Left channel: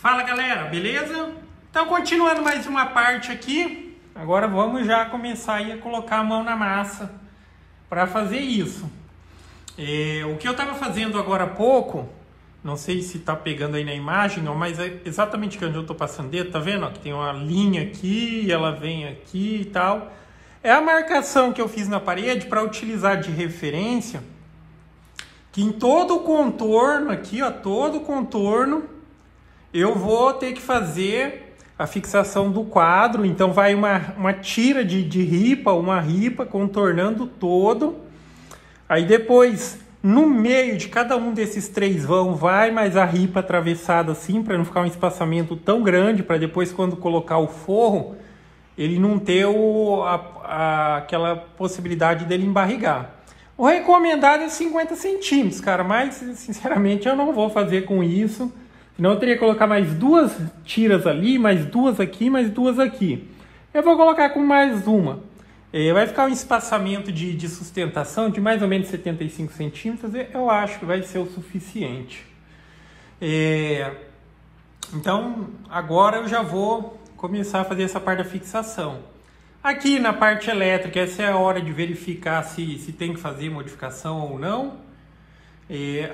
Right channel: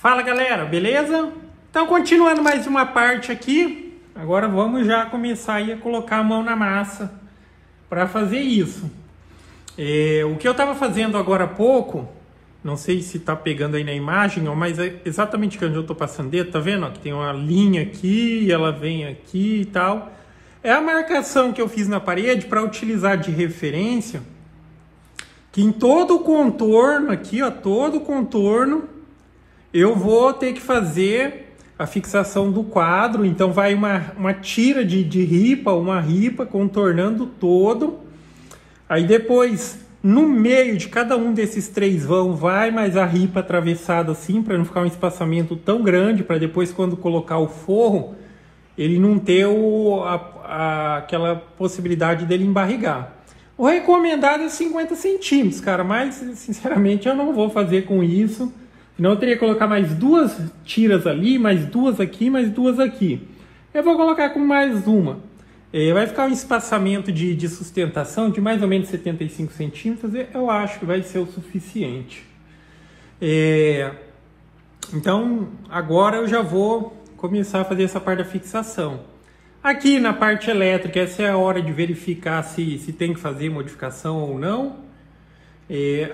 Fala galera, beleza? Então continuando mais uma parte aqui, agora vamos já começar aí a colocar a mão na massa para fazer isso. O que eu estava fazendo agora há pouco, não sei se tá pegando aí na imagem, não, mas é exatamente onde eu tô passando dedo, tá vendo? Ó, que tem uma linha aqui, ela vem aqui e tal. É a marcação que eu fiz na parede para utilizar de referência, que em todo o contorno aqui, ó, todo o contorno, eu vou ter que fazer a fixação do quadro. Então vai uma tira de ripa, uma ripa contornando todo. Aí depois, no meio de cada um desses três vão, vai mais a ripa atravessada assim, para não ficar um espaçamento tão grande, para depois quando colocar o forro, ele não ter aquela possibilidade dele embarrigar. O recomendado é 50 centímetros, cara, mas sinceramente eu não vou fazer com isso. Senão eu teria que colocar mais duas tiras ali, mais duas aqui, mais duas aqui. Eu vou colocar com mais uma. Vai ficar um espaçamento de sustentação de mais ou menos 75 centímetros. Eu acho que vai ser o suficiente. Então, agora eu já vou começar a fazer essa parte da fixação. Aqui na parte elétrica, essa é a hora de verificar se tem que fazer modificação ou não.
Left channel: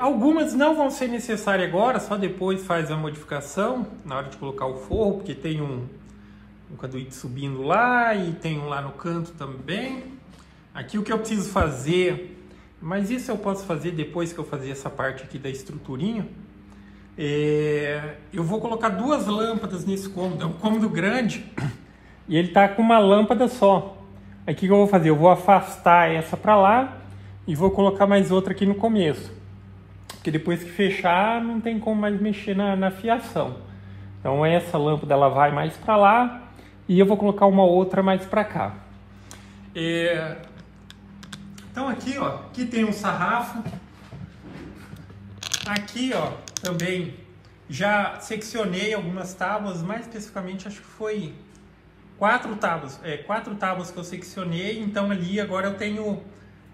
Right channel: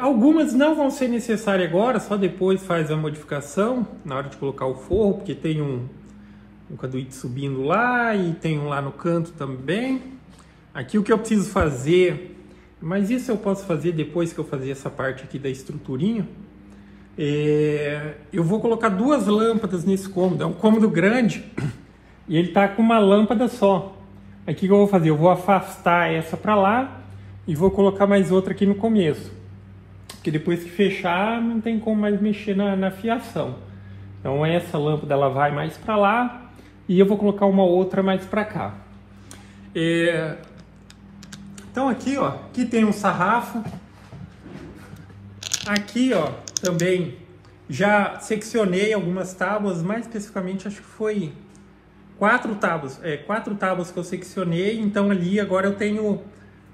Algumas não vão ser necessárias agora, só depois faz a modificação, na hora de colocar o forro, porque tem um caduíte subindo lá e tem um lá no canto também. Aqui o que eu preciso fazer, mas isso eu posso fazer depois que eu fazer essa parte aqui da estruturinha. Eu vou colocar duas lâmpadas nesse cômodo, é um cômodo grande e ele tá com uma lâmpada só. Aí o que eu vou fazer? Eu vou afastar essa para lá e vou colocar mais outra aqui no começo. Porque depois que fechar, não tem como mais mexer na fiação. Então essa lâmpada ela vai mais para lá e eu vou colocar uma outra mais para cá. Então aqui, ó, aqui tem um sarrafo. Aqui, ó, também já seccionei algumas tábuas, mais especificamente acho que foi quatro tábuas que eu seccionei. Então ali agora eu tenho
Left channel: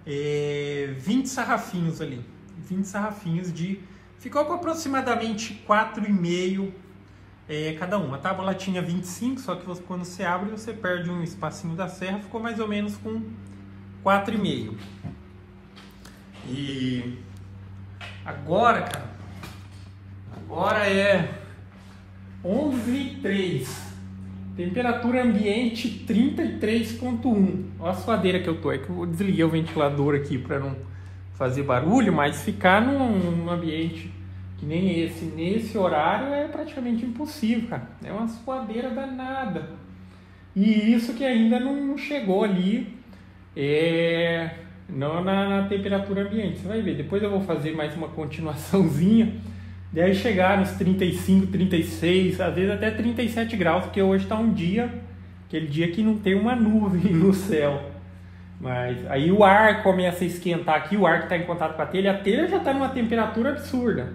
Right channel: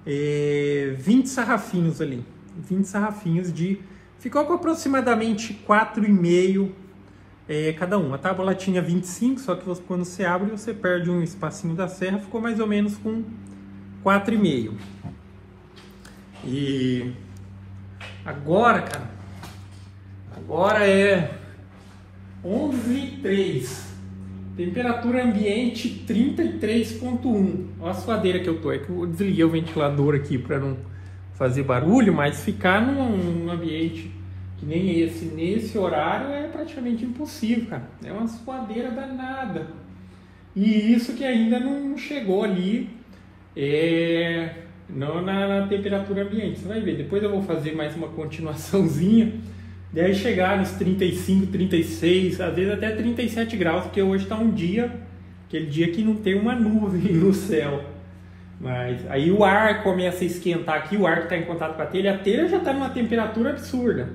20 sarrafinhos ali. 20 sarrafinhos ficou com aproximadamente 4,5 cada um. A tábua tinha 25, só que quando você abre você perde um espacinho da serra, ficou mais ou menos com 4,5. E agora, cara, agora é 11h03. Temperatura ambiente 33,1. Olha a suadeira que eu tô. É que eu desliguei o ventilador aqui para não fazer barulho, mas ficar num ambiente que nem esse, nesse horário, é praticamente impossível, cara. É uma suadeira danada. E isso que ainda não chegou ali não na temperatura ambiente. Você vai ver, depois eu vou fazer mais uma continuaçãozinha. Daí chegar nos 35, 36, às vezes até 37 graus, porque hoje está um dia, aquele dia que não tem uma nuvem no céu. Mas aí o ar começa a esquentar aqui, o ar que está em contato com a telha já está numa temperatura absurda.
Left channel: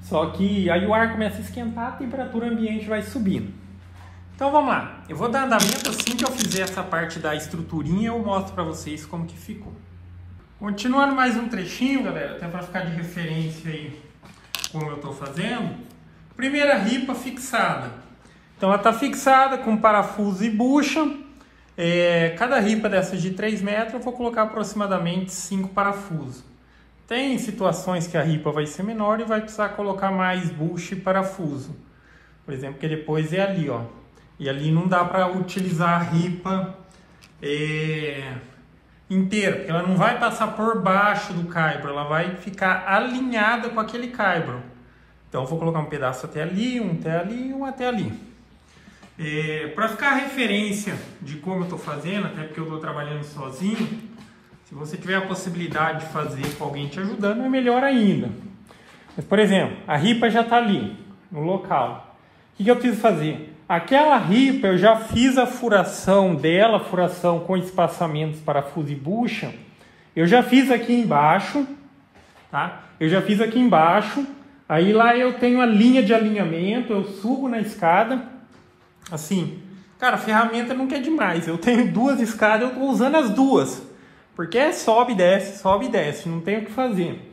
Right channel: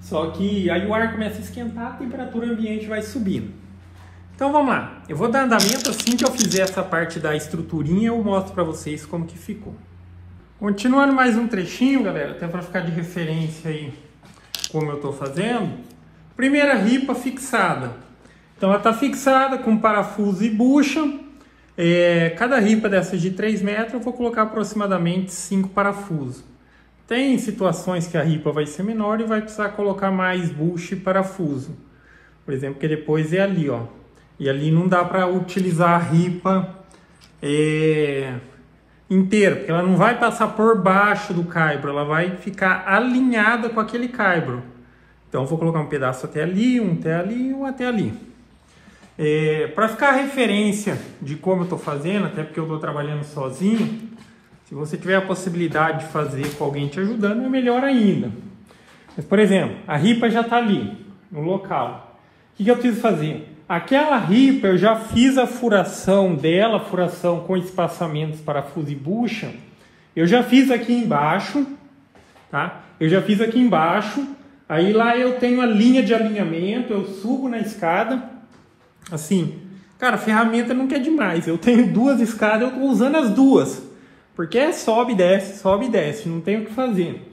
Só que aí o ar começa a esquentar, a temperatura ambiente vai subindo. Então vamos lá, eu vou dar andamento assim que eu fizer essa parte da estruturinha, eu mostro para vocês como que ficou. Continuando mais um trechinho, galera, até para ficar de referência aí como eu estou fazendo. Primeira ripa fixada. Então ela está fixada com parafuso e bucha. Cada ripa dessas de 3 metros eu vou colocar aproximadamente 5 parafusos. Tem situações que a ripa vai ser menor e vai precisar colocar mais bucha e parafuso. Por exemplo, que depois é ali, ó. E ali não dá para utilizar a ripa inteira, porque ela não vai passar por baixo do caibro, ela vai ficar alinhada com aquele caibro. Então eu vou colocar um pedaço até ali, um até ali e um até ali. Para ficar a referência de como eu estou fazendo, até porque eu estou trabalhando sozinho, se você tiver a possibilidade de fazer com alguém te ajudando, é melhor ainda. Mas, por exemplo, a ripa já está ali, no local. O que eu preciso fazer? Aquela ripa eu já fiz a furação dela, furação com espaçamentos, parafuso e bucha. Eu já fiz aqui embaixo, tá? Eu já fiz aqui embaixo. Aí lá eu tenho a linha de alinhamento, eu subo na escada. Assim, cara, a ferramenta não quer demais. Eu tenho duas escadas, eu estou usando as duas. Porque sobe e desce, não tem o que fazer.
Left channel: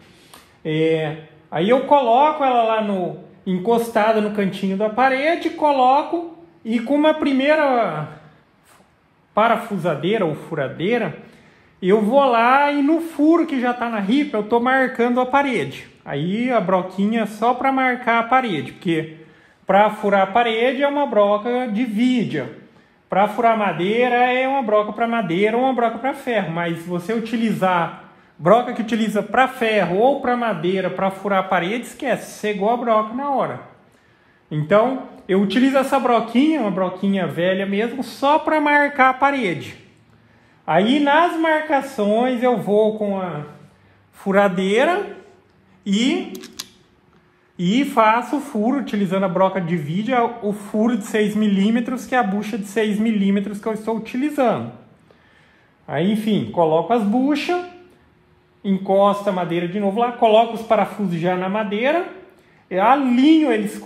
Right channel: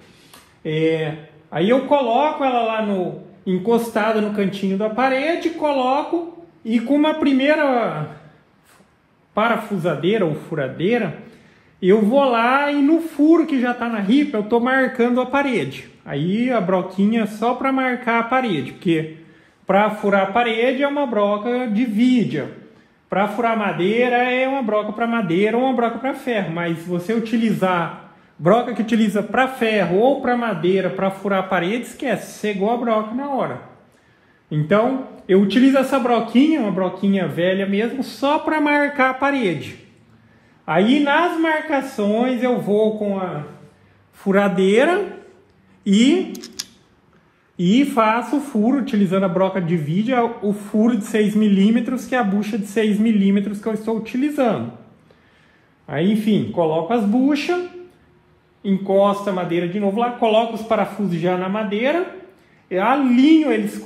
Aí eu coloco ela lá encostada no cantinho da parede, coloco e com uma primeira parafusadeira ou furadeira, eu vou lá e no furo que já está na ripa, eu estou marcando a parede. Aí a broquinha é só para marcar a parede, porque para furar a parede é uma broca de vidia. Para furar madeira é uma broca para madeira ou uma broca para ferro. Mas se você utilizar broca que utiliza para ferro ou para madeira para furar a parede, esquece, cegou a broca na hora. Então eu utilizo essa broquinha, uma broquinha velha mesmo, só para marcar a parede. Aí nas marcações eu vou com a furadeira e faço o furo, utilizando a broca de vidia, o furo de 6 milímetros, que é a bucha de 6 milímetros que eu estou utilizando. Aí, enfim, coloco as buchas, encosto a madeira de novo lá, coloco os parafusos já na madeira, eu alinho eles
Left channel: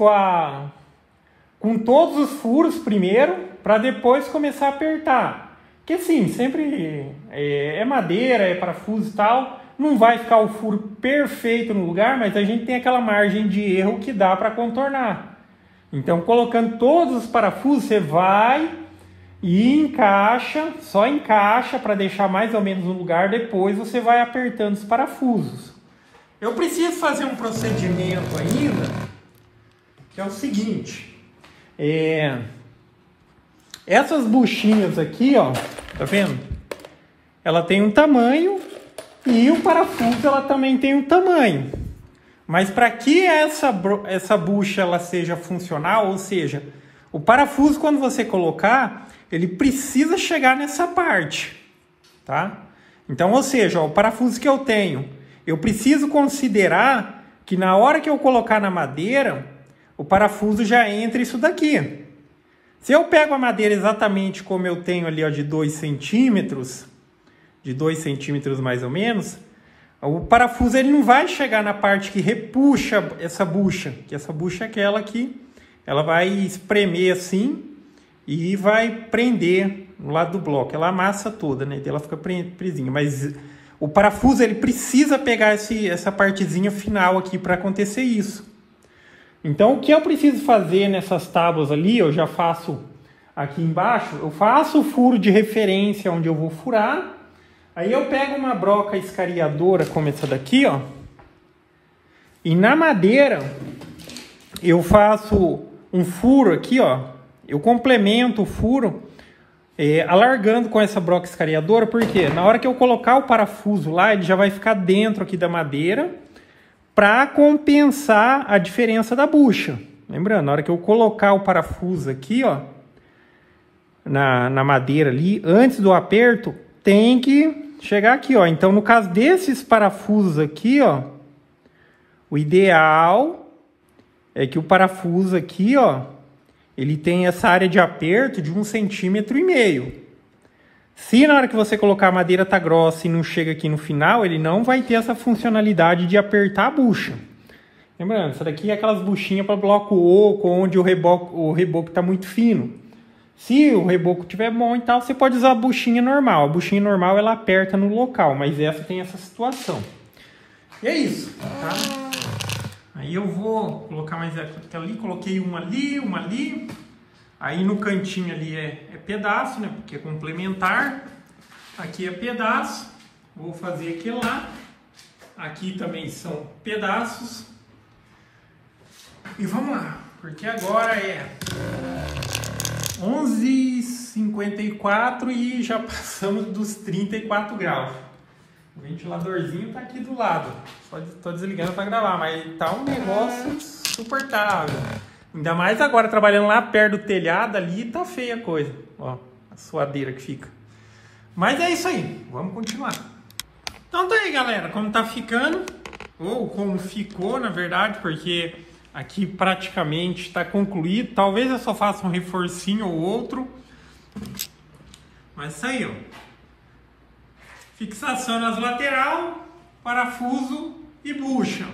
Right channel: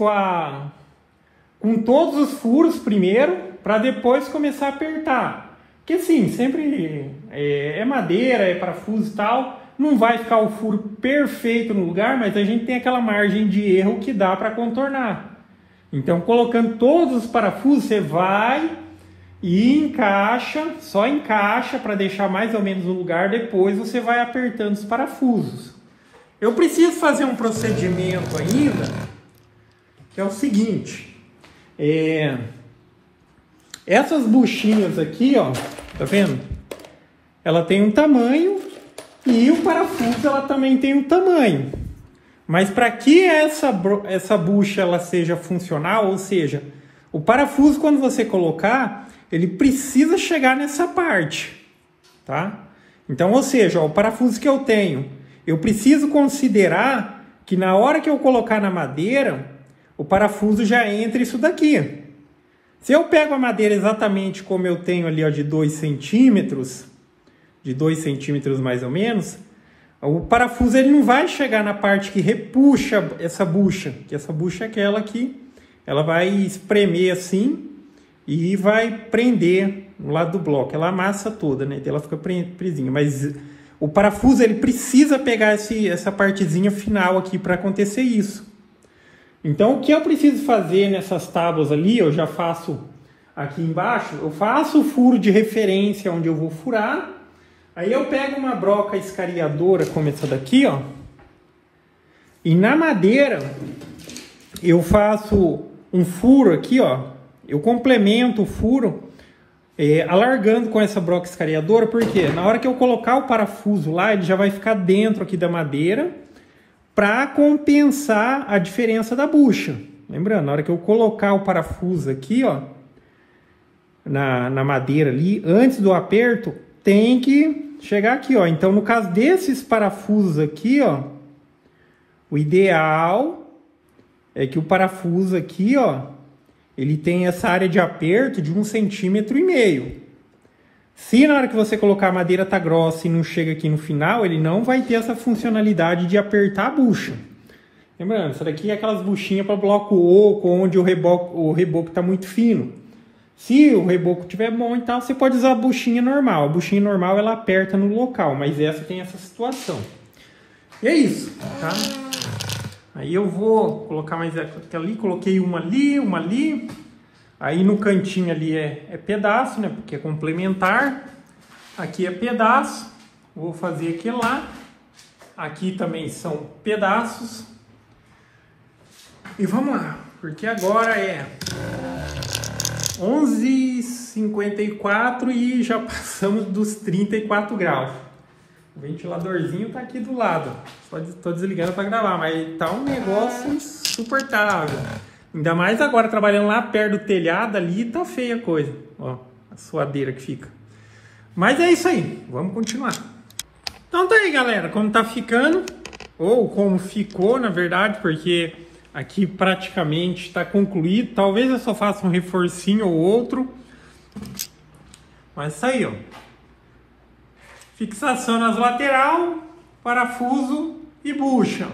com todos os furos primeiro, para depois começar a apertar. Porque assim, sempre é madeira, é parafuso e tal, não vai ficar o furo perfeito no lugar, mas a gente tem aquela margem de erro que dá para contornar. Então, colocando todos os parafusos, você vai e encaixa, só encaixa para deixar mais ou menos no lugar, depois você vai apertando os parafusos. Eu preciso fazer um procedimento ainda, que é o seguinte, essas buchinhas aqui, ó, tá vendo? Ela tem um tamanho e o parafuso ela também tem um tamanho. Mas para que essa bucha ela seja funcional, ou seja, o parafuso quando você colocar, ele precisa chegar nessa parte, tá? Então, ou seja, ó, o parafuso que eu tenho, eu preciso considerar que na hora que eu colocar na madeira, o parafuso já entra isso daqui. Se eu pego a madeira exatamente como eu tenho ali, ó, de 2 centímetros, de 2 centímetros mais ou menos, o parafuso ele não vai chegar na parte que repuxa essa bucha, que essa bucha é aquela que ela vai espremer assim e vai prender no lado do bloco. Ela amassa toda, né? Ela fica presinha, mas o parafuso ele precisa pegar essa partezinha final aqui para acontecer isso. Então, o que eu preciso fazer nessas tábuas ali, eu já faço aqui embaixo, eu faço o furo de referência onde eu vou furar, aí eu pego uma broca escariadora como essa daqui, ó, e na madeira eu faço um furo aqui, ó, eu complemento o furo alargando com essa broca escariadora, porque na hora que eu colocar o parafuso lá, ele já vai ficar dentro aqui da madeira, para compensar a diferença da bucha. Lembrando, na hora que eu colocar o parafuso aqui, ó, na madeira ali, antes do aperto, tem que chegar aqui, ó. Então, no caso desses parafusos aqui, ó, o ideal é que o parafuso aqui, ó, ele tem essa área de aperto de 1,5 centímetros. Se na hora que você colocar a madeira tá grossa e não chega aqui no final, ele não vai ter essa funcionalidade de apertar a bucha. Lembrando, essa daqui é aquelas buchinhas para bloco oco, onde o reboco tá muito fino. Se o reboco tiver bom e tal, você pode usar a buchinha normal. A buchinha normal ela aperta no local, mas essa tem essa situação. E é isso, tá? Aí eu vou colocar mais aquela ali, coloquei uma ali. Aí no cantinho ali é pedaço, né? Porque é complementar. Aqui é pedaço. Vou fazer aqui lá. Aqui também são pedaços. E vamos lá. Porque agora é 11h54 e já passamos dos 34 graus. O ventiladorzinho tá aqui do lado. Tô desligando para gravar, mas tá um negócio insuportável. Ainda mais agora, trabalhando lá perto do telhado, ali tá feia a coisa. Ó, a suadeira que fica. Mas é isso aí, vamos continuar. Então tá aí, galera, como tá ficando, ou como ficou, na verdade, porque aqui praticamente tá concluído. Talvez eu só faça um reforcinho ou outro. Mas isso aí, ó. Fixação nas lateral, parafuso e bucha.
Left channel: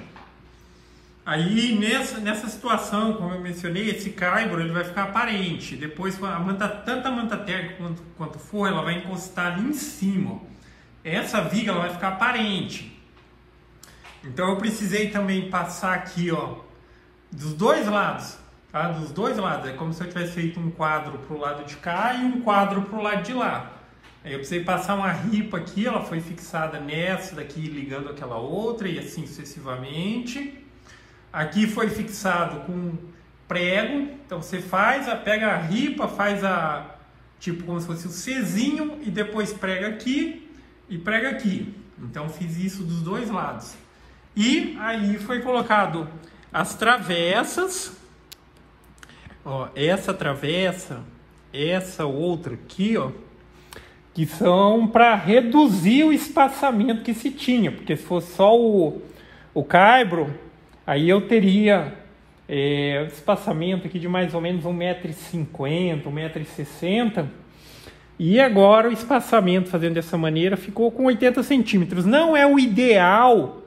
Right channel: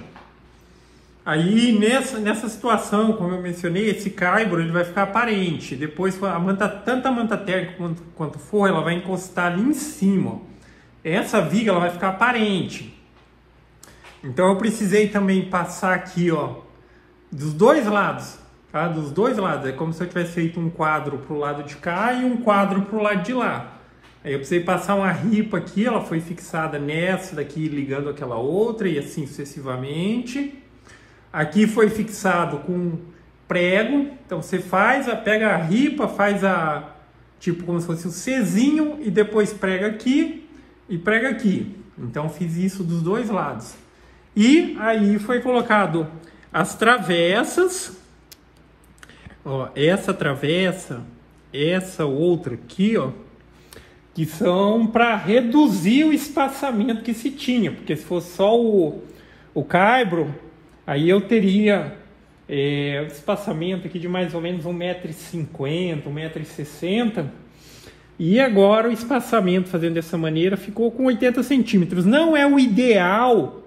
Aí, nessa situação, como eu mencionei, esse caibro ele vai ficar aparente. Depois, tanto a manta térmica quanto for, ela vai encostar ali em cima. Ó. Essa viga ela vai ficar aparente. Então, eu precisei também passar aqui, ó, dos dois lados, tá? Dos dois lados. É como se eu tivesse feito um quadro pro lado de cá e um quadro pro lado de lá. Aí eu precisei passar uma ripa aqui, ela foi fixada nessa daqui, ligando aquela outra e assim sucessivamente. Aqui foi fixado com prego, então você pega a ripa, faz tipo como se fosse o Czinho e depois prega aqui e prega aqui. Então fiz isso dos dois lados. E aí foi colocado as travessas, ó, essa travessa, essa outra aqui, ó, que são para reduzir o espaçamento que se tinha, porque se fosse só o caibro, aí eu teria o espaçamento aqui de mais ou menos 1,50 m, 1,60 m, e agora o espaçamento fazendo dessa maneira ficou com 80 centímetros. Não é o ideal,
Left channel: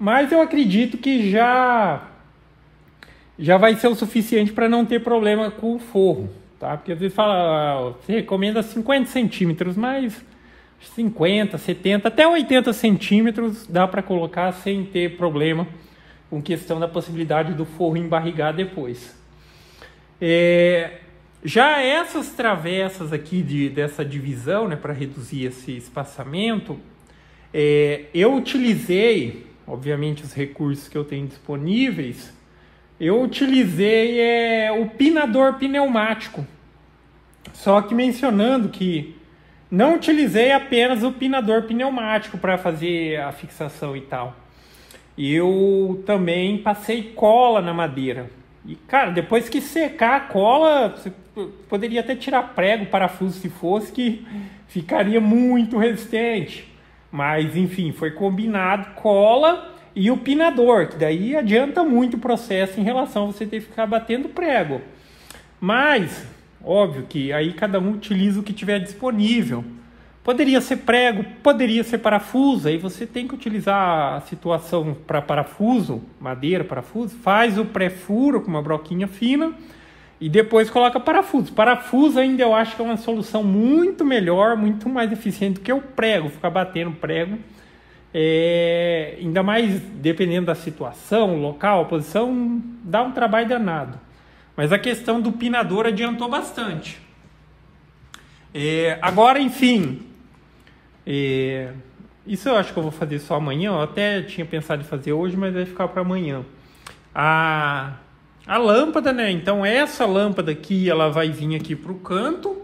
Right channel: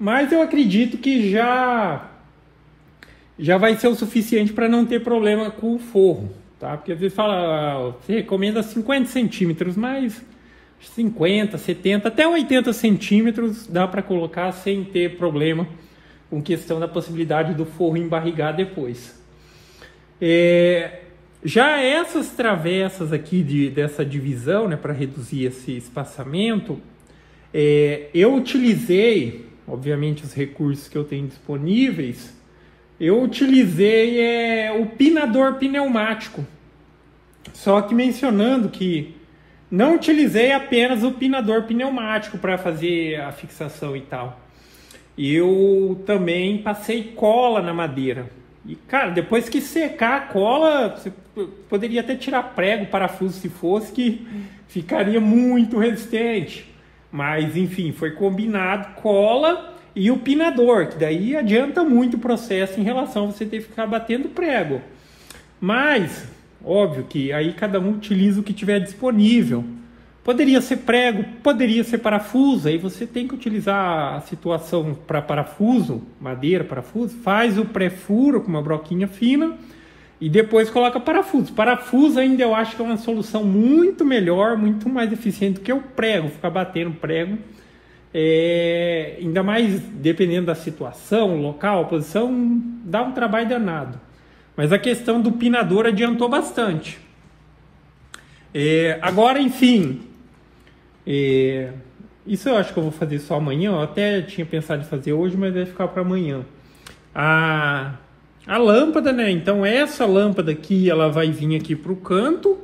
mas eu acredito que já vai ser o suficiente para não ter problema com o forro. Tá? Porque às vezes você recomenda 50 centímetros, mas 50, 70, até 80 centímetros dá para colocar sem ter problema com questão da possibilidade do forro embarrigar depois. Já essas travessas aqui dessa divisão, né, para reduzir esse espaçamento, eu utilizei, obviamente, os recursos que eu tenho disponíveis. Eu utilizei o pinador pneumático, só que mencionando que não utilizei apenas o pinador pneumático para fazer a fixação e tal. Eu também passei cola na madeira. E, cara, depois que secar a cola, você poderia até tirar prego, parafuso se fosse, que ficaria muito resistente. Mas, enfim, foi combinado cola e o pinador, que daí adianta muito o processo em relação a você ter que ficar batendo prego. Mas, óbvio que aí cada um utiliza o que tiver disponível. Poderia ser prego, poderia ser parafuso, aí você tem que utilizar a situação para parafuso, madeira, parafuso, faz o pré-furo com uma broquinha fina e depois coloca parafuso. Parafuso ainda eu acho que é uma solução muito melhor, muito mais eficiente do que o prego, ficar batendo prego. Ainda mais dependendo da situação, local, posição, dá um trabalho danado. Mas a questão do pinador adiantou bastante. Agora, enfim, isso eu acho que eu vou fazer só amanhã. Eu até tinha pensado em fazer hoje, mas vai ficar para amanhã. A lâmpada, né? Então essa lâmpada aqui, ela vai vir aqui para o canto.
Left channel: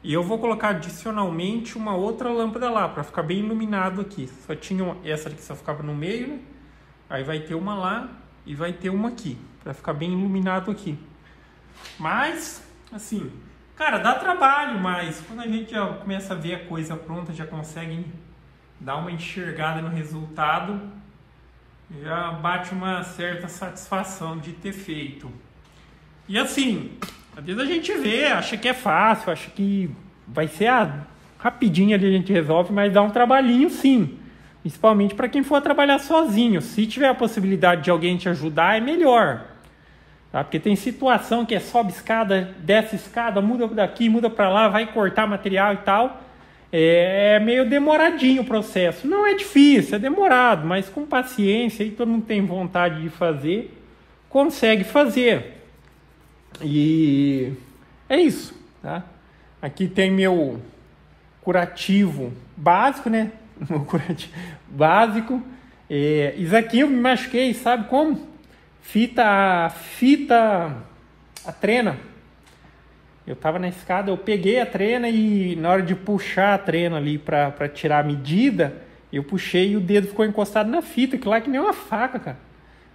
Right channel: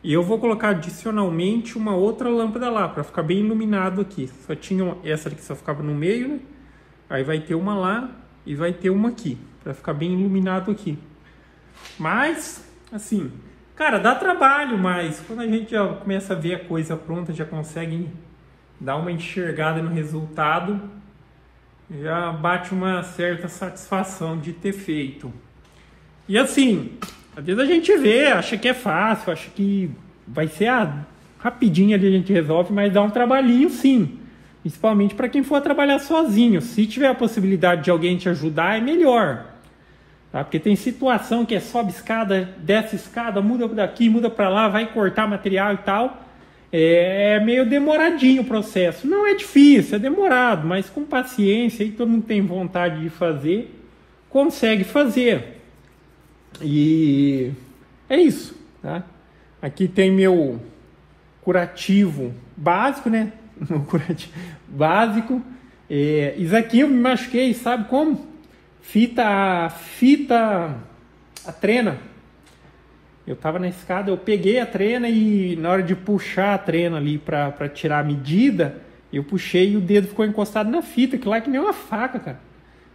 E eu vou colocar adicionalmente uma outra lâmpada lá, para ficar bem iluminado aqui. Só tinha essa aqui, só ficava no meio, né? Aí vai ter uma lá e vai ter uma aqui, para ficar bem iluminado aqui. Mas, assim, cara, dá trabalho, mas quando a gente já começa a ver a coisa pronta, já consegue dar uma enxergada no resultado, já bate uma certa satisfação de ter feito. E assim, às vezes a gente vê, acha que é fácil, acha que vai ser rapidinho ali a gente resolve, mas dá um trabalhinho sim. Principalmente para quem for trabalhar sozinho. Se tiver a possibilidade de alguém te ajudar, é melhor. Tá? Porque tem situação que sobe escada, desce escada, muda daqui, muda para lá, vai cortar material e tal. É meio demoradinho o processo. Não é difícil, é demorado, mas com paciência e todo mundo tem vontade de fazer, consegue fazer. E é isso, tá? Aqui tem meu curativo básico, né? Curativo básico. Isso aqui eu me machuquei, sabe como? A trena. Eu tava na escada, eu peguei a trena e na hora de puxar a trena ali para tirar a medida, eu puxei e o dedo ficou encostado na fita, que lá que nem uma faca, cara.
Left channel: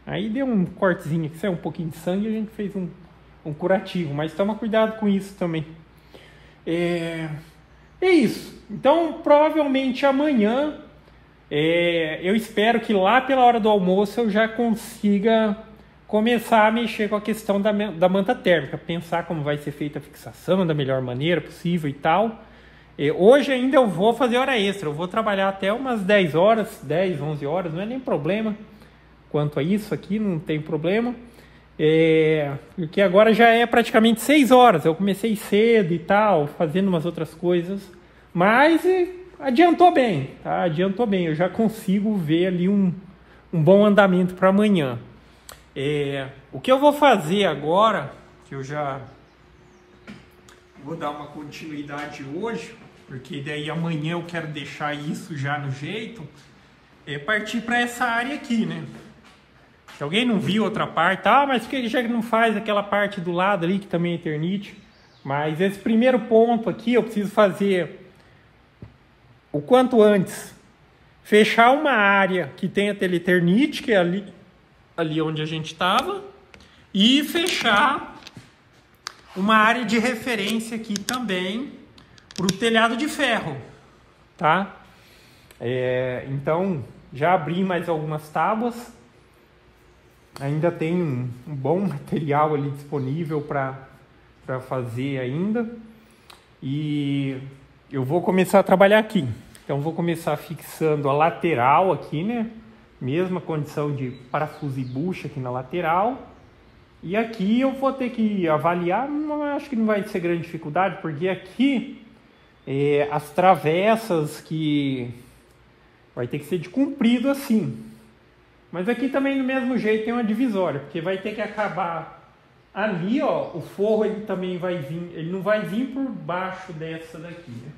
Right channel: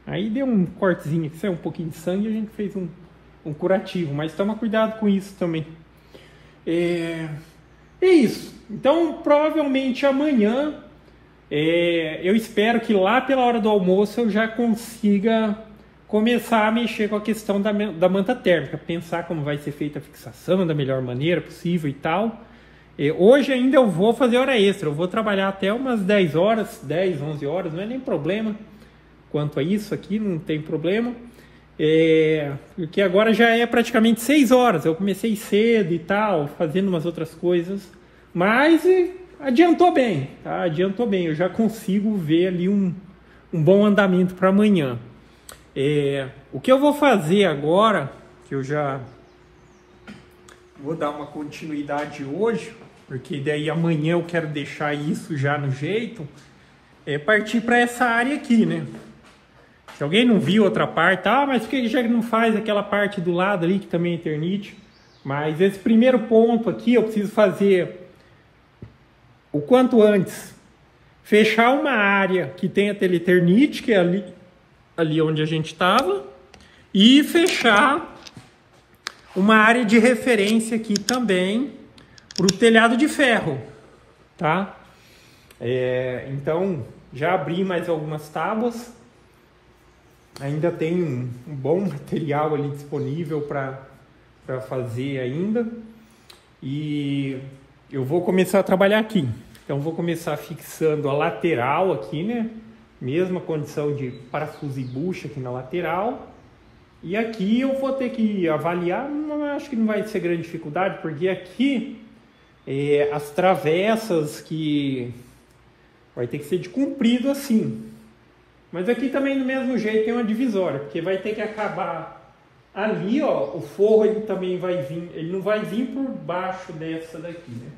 Aí deu um cortezinho aqui, saiu um pouquinho de sangue e a gente fez um curativo, mas toma cuidado com isso também. É isso. Então, provavelmente amanhã, eu espero que lá pela hora do almoço eu já consiga começar a mexer com a questão da manta térmica, pensar como vai ser feita a fixação da melhor maneira possível e tal. Hoje ainda eu vou fazer hora extra, eu vou trabalhar até umas 10 horas, 10, 11 horas, não é nem problema. Quanto a isso aqui, não tem problema. Porque agora já é praticamente 6 horas, eu comecei cedo e tal, fazendo umas outras coisas, mas adiantou bem, tá? Adiantou bem, eu já consigo ver ali um bom andamento para amanhã. O que eu vou fazer agora, que eu já vou dar uma continuidade hoje, porque daí amanhã eu quero deixar isso já no jeito, é partir para essa área aqui, né? Se alguém não viu outra parte, mas por que já não faz aquela parte do lado ali que também é Eternit? Mas esse primeiro ponto aqui eu preciso fazer o quanto antes. Fechar uma área que tenha Eternit, que é ali onde a gente estava, e fechar uma área de referência aqui também para o telhado de ferro, tá? Então já abri mais algumas tábuas. Ainda tem um bom material ali disponível para fazer ainda. E eu vou começar a trabalhar aqui. Então vou começar fixando a lateral aqui, né? Mesma condição de parafuso e bucha aqui na lateral. E aqui eu vou ter que avaliar, acho que não vai ser grande dificuldade, porque aqui as travessas que vai ter que ser de comprido assim. Mas aqui também do mesmo jeito tem uma divisória, porque vai ter que acabar ali, ó, o forro ele também vai vir, ele não vai vir por baixo dessa daqui, né?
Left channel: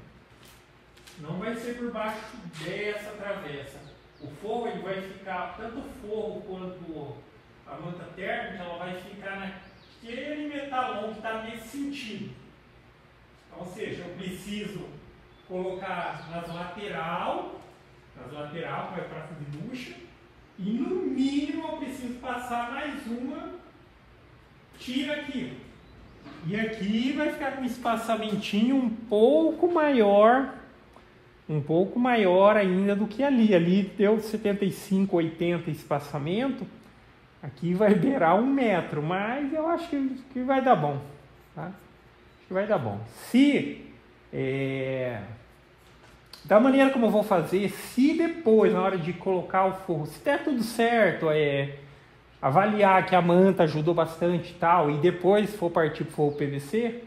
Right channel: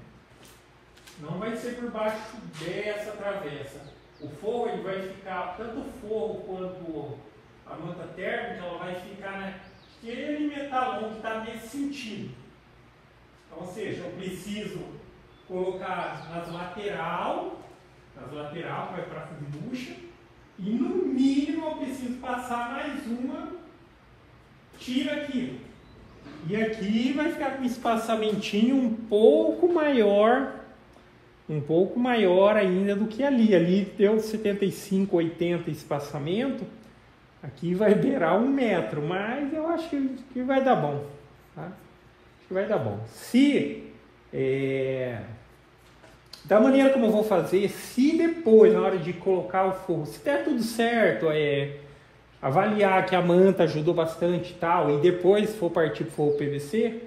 Não vai ser por baixo dessa travessa. O forro ele vai ficar, tanto o forro quanto a manta térmica, ela vai ficar naquele metalão que está nesse sentido. Então, ou seja, eu preciso colocar nas lateral, vai para fazer bucha. E no mínimo eu preciso passar mais uma tira aqui. E aqui vai ficar com um espaçamentinho um pouco maior ainda do que ali. Ali deu 75, 80 espaçamento. Aqui vai beirar 1 metro, mas eu acho que vai dar bom. Tá? Acho que vai dar bom. Da maneira como eu vou fazer, se depois, na hora de colocar o forro, se der tudo certo, avaliar que a manta ajudou bastante e tal, e depois for partir para o forro PVC,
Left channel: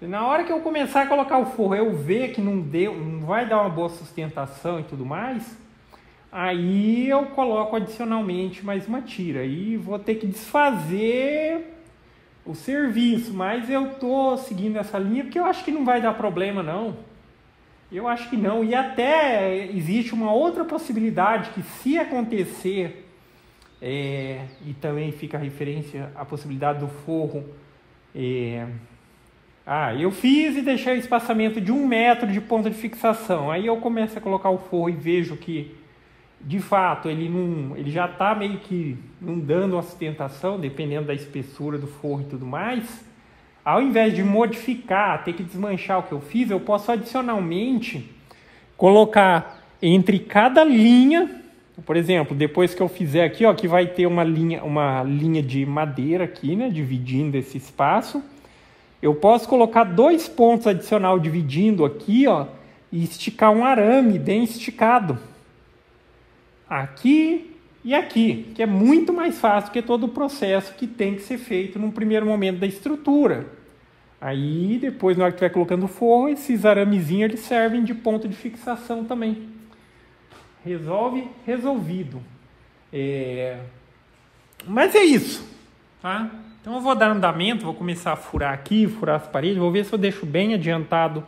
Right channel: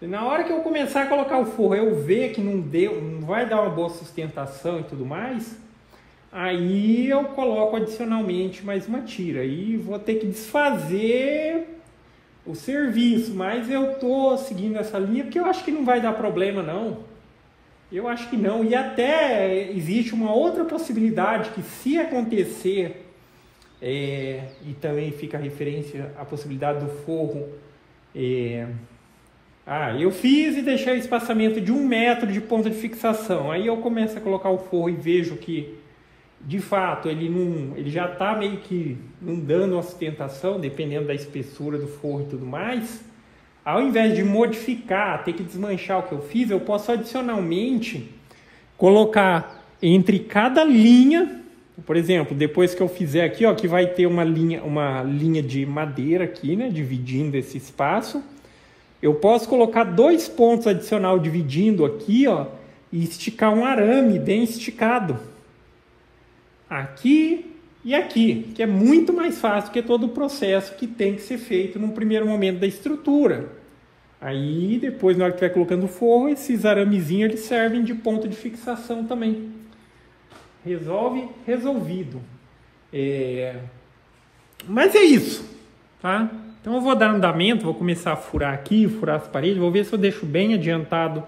na hora que eu começar a colocar o forro, eu ver que não vai dar uma boa sustentação e tudo mais, aí eu coloco adicionalmente mais uma tira. E vou ter que desfazer o serviço, mas eu tô seguindo essa linha porque eu acho que não vai dar problema não. Eu acho que não, e até existe uma outra possibilidade que se acontecer, e também fica a referência à possibilidade do forro, eu fiz e deixei o espaçamento de 1 metro de ponto de fixação, aí eu começo a colocar o forro e vejo que, de fato, ele já está meio que não dando uma sustentação, dependendo da espessura do forro e tudo mais. Ao invés de modificar, ter que desmanchar o que eu fiz, eu posso adicionalmente colocar entre cada linha, por exemplo, depois que eu fizer aqui, ó, que vai ter uma linha de madeira aqui, né, dividindo esse espaço, eu posso colocar 2 pontos adicional dividindo aqui, ó, e esticar um arame bem esticado. Aqui e aqui, que é muito mais fácil que todo o processo que tem que ser feito no primeiro momento da estrutura. Aí depois, na hora que estiver colocando o forro, esses aramezinhos eles servem de ponto de fixação também. Resolvido. Mas é isso, tá? Então eu vou dar andamento, vou começar a furar aqui, furar as paredes, vou ver se eu deixo bem adiantado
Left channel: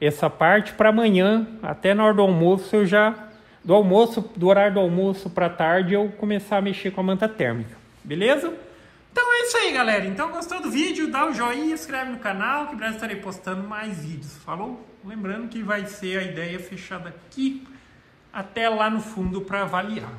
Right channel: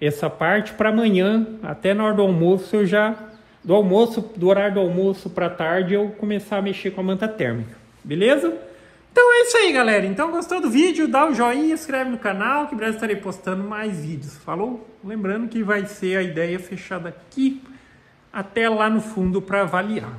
essa parte para amanhã, até na hora do almoço eu já... Do horário do almoço para tarde eu começar a mexer com a manta térmica, beleza? Então é isso aí, galera. Então gostou do vídeo, dá o joinha, inscreve no canal, que em breve estarei postando mais vídeos, falou? Lembrando que vai ser a ideia fechada aqui até lá no fundo para avaliar.